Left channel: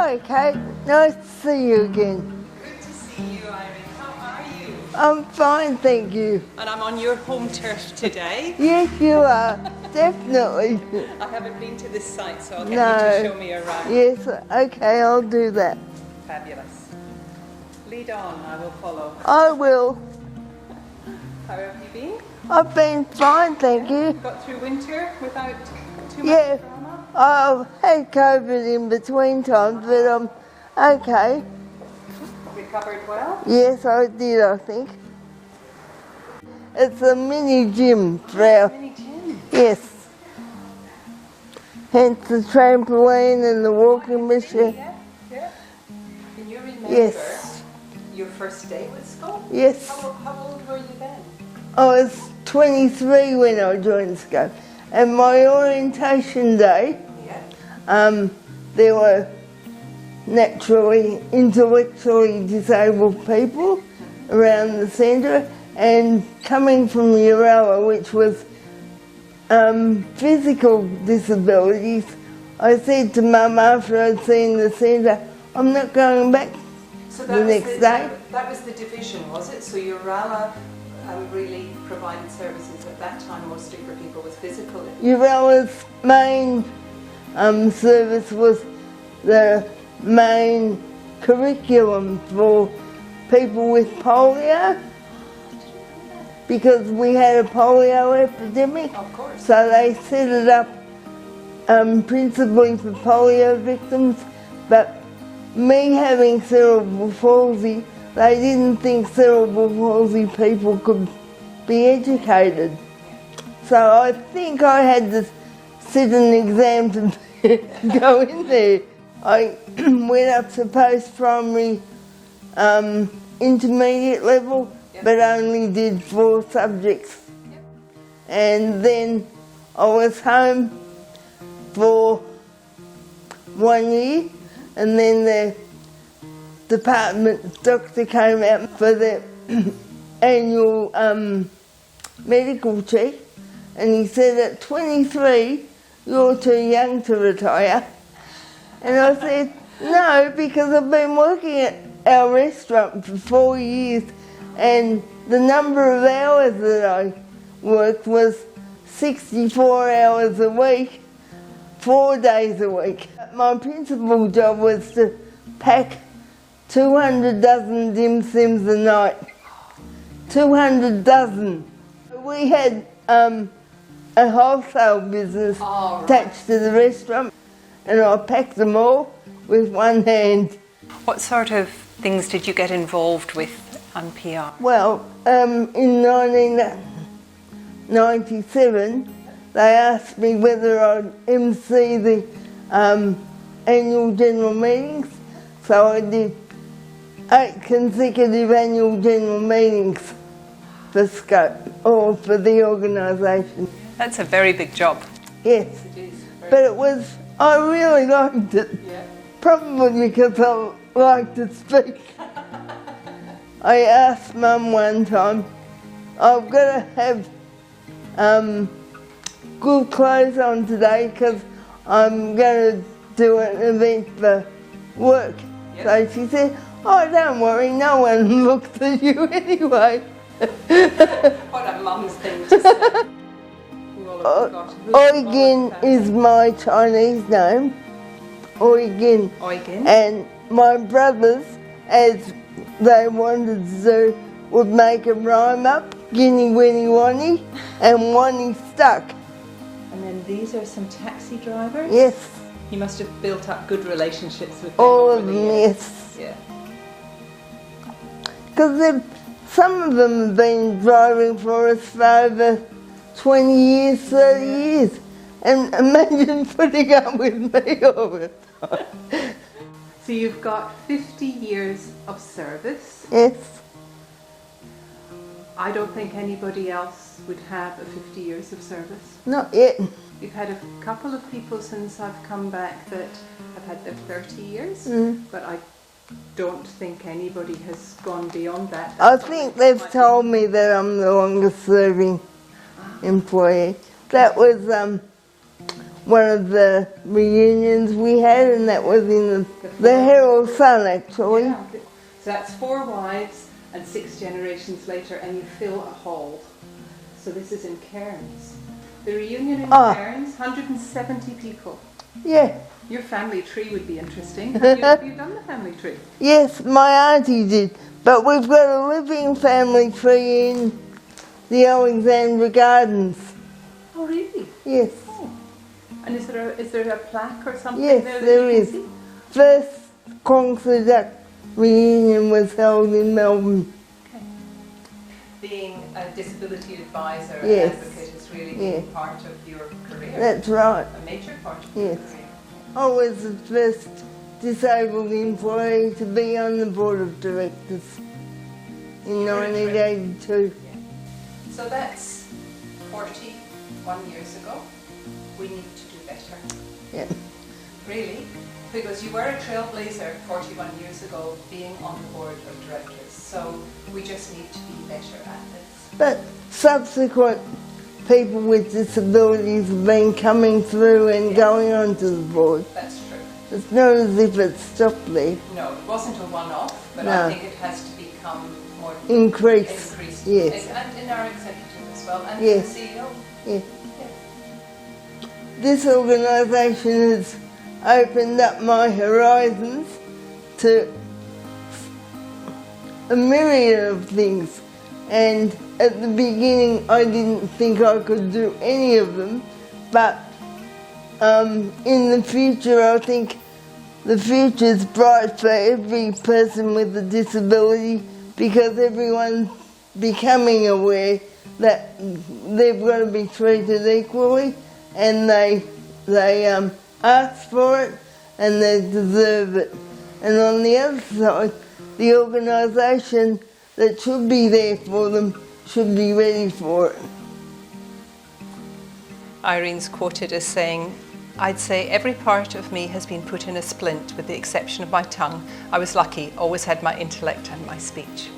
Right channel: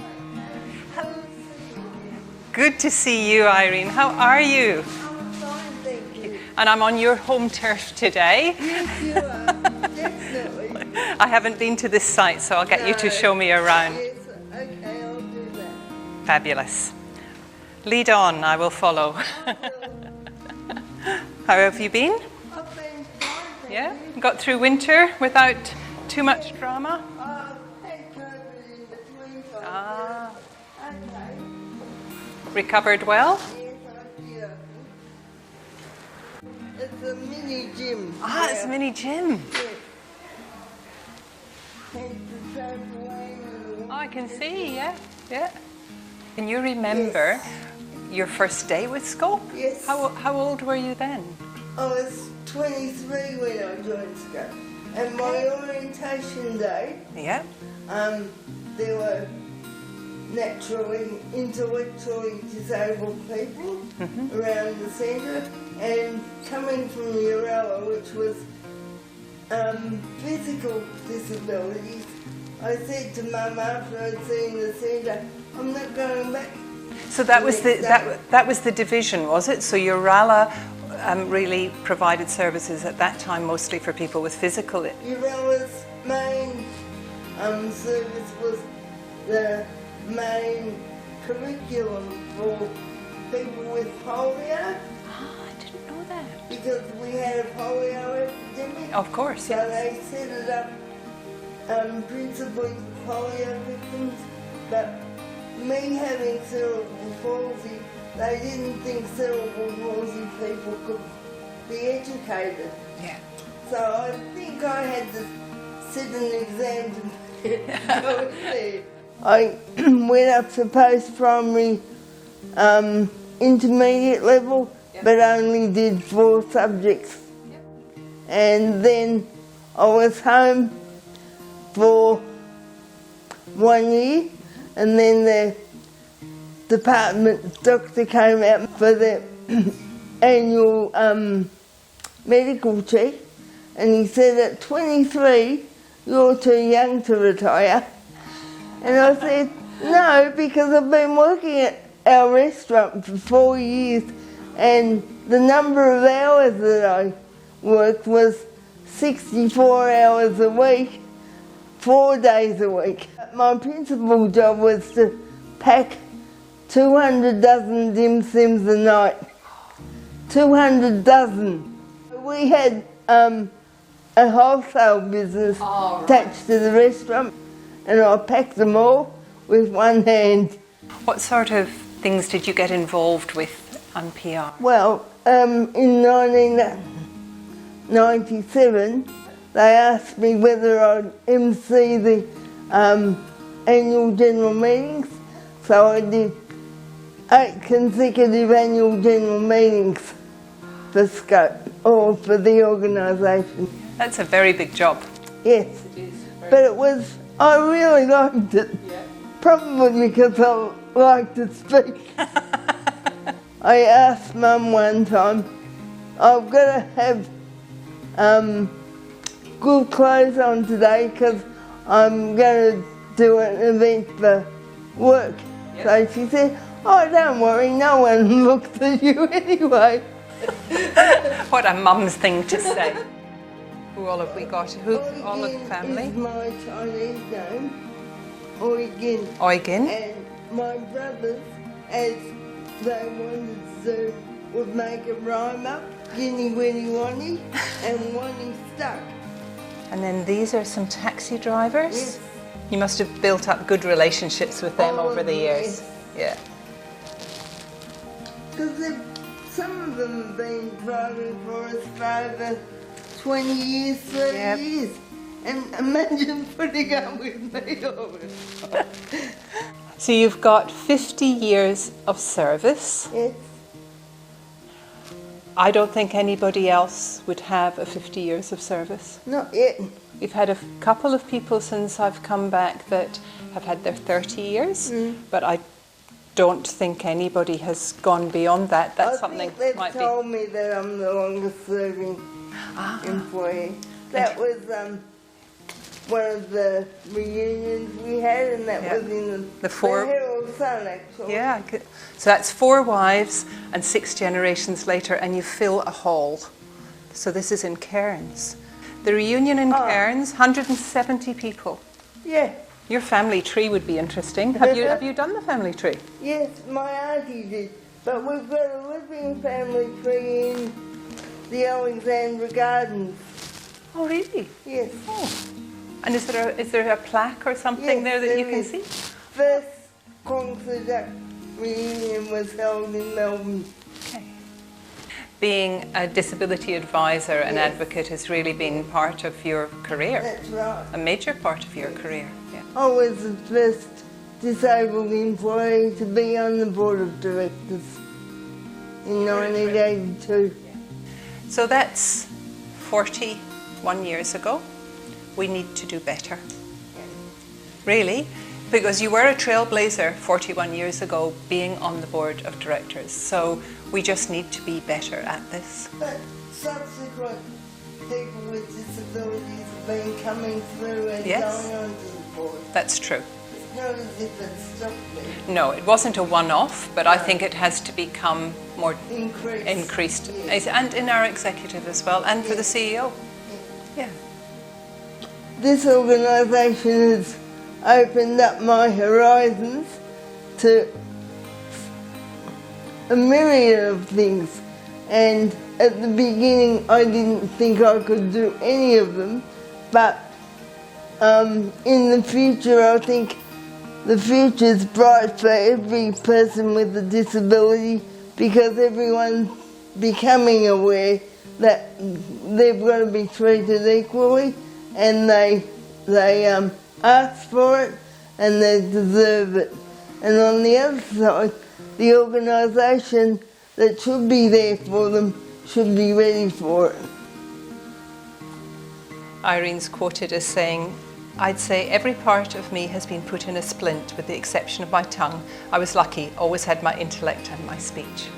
Hi, Kate. Nice to see you again. Good to see you, Irene. How are you? I'm fine, thank you. And I'm on your home turf today. Yes, you are. Definitely. I haven't been to this site, so I'll get you to show me around. Yes, okay, I'll do that. Fabulous. Lead on, I will follow. I will. How have you been? I've been fine, thank you. Got through winter without too much drama? I've had COVID in between times, but I'm okay. Recovered well? Yes, I did, I think. It's a mini gym. It's a mini gym. Yes. Hence the trampoline and the walking machine. Yeah. Can you remember your first day with school? Yes. How old were you then? I was 23 when I joined school. And my orientation day, there were naturally, intellectually disabled people around the centre, and coming from Uralla, which was physical disabilities, I said to Mum after I'd seen the centre, I'm not going back. So that was the division, was it? So Uralla really provided services at that time mostly for people with physical... Uralla's main service was the main curriculum for people with polio. I didn't know that. Because we had a polio epidemic. Of course. So they set it up principally for polio victims, but me having cerebral palsy, they didn't think cerebral palsy people could be educated. Yeah. So I think I had to sit an exam to go in there. I went up to post-primary intermediate level, but only did 4 subjects. Yep. And then I was home for 1 year, and then the department doctor came out for the annual medical check, and he said at 23 you're too young to retire. And I said no, because I've been working at our restaurant for 4 years, and the number of hours that I worked was 64 hours a week, 4 days a week. My principal job was to pack 200 dozen dim sims a night. 200 dozen. We had a wholesale business attached to the restaurant, and I packed them all with one hand. What sort of things did you get involved with on PR? Well, in 1997, they asked me whether I'd MC the annual general meetings, so I did 8 consecutive annual general meetings for Scope, or for the organisation. That's a very big job. Yes, it is. But it was, I really liked it. Yeah. Probably because I like to speak. I asked Mum one time, I've got to have good clothes on today because I'm going to do an event for work. Yep. So she said, oh, don't worry, no one looks at you anyway. What a mum's thing to say. Who all have we got? Eugen is my Chinese name. Eugen. Eugen. And my brothers, as they wanted to, would make a rhyme up, Guinea Winnie Wonnie, and Wonnie stuck. And then these are some taxi drivers? Yes. You must have built up good relationships with them over the years. Yes. Yeah. Because some of them have been driving for us for over 20 years, 30 years. And imagine putting up with me all the time. So you've got 50 years of service. Yes. I don't think anybody else would have a 50 years of service. Not yet. We've had a couple of people since I've come back that have had their 30 years, but I don't think anybody has gone beyond that. That's I think they've told me that I'm the longest serving employee. That was one of the reunions we had, and that was in the forum. Herald Sun, actually. Yeah, so that's 4 wives and 6 generations later, and you fill a hall. So this is in Cairns. The reunion in Cairns, 170 people. Yeah. Your family tree would be interesting. Have you done the family tree? Yes, my auntie did. But we've got a living family tree in the Alexandra Gardens. Oh, really? Yes. Oh. And is there a plaque or something Yes, there that there you can is. see? First Kwong reunion was held in Melbourne. Okay. Being a disability advisor and Yes. advocate has really been part of your career. That's right. A major part of your career. Yeah. I was the first disabled employee to be on the board of directors in 1982. Yeah. So that's 41 years ago. We need to do better. Yeah. Really, because you were a trailblazer 41 years ago being on the board of directors. So we just need to be better at this. But subsequent people with disabilities have been coming through and Yes. going on to the board. That's true. It's not as if it stopped there. No, it wasn't a one-off, but I think it has to become more Increased. Yes. And in our executive as well, and Yes. for the CEO. Yeah. Yeah. This organisation has opened up my horizons to a myriad of things, and at the beginning I didn't think I could do any of them, but in the future I think the future's bright for every person with a disability, because everyone's becoming aware that they've got to be treated equally, and they ask for it and they deserve it. And on the other side, the organisation that should be there for them should be ready for it. Irene's quoted as saying, "I'd say every part of me has been put in a splint with the exception of my tongue. I was lucky, always had my intellect and my speech."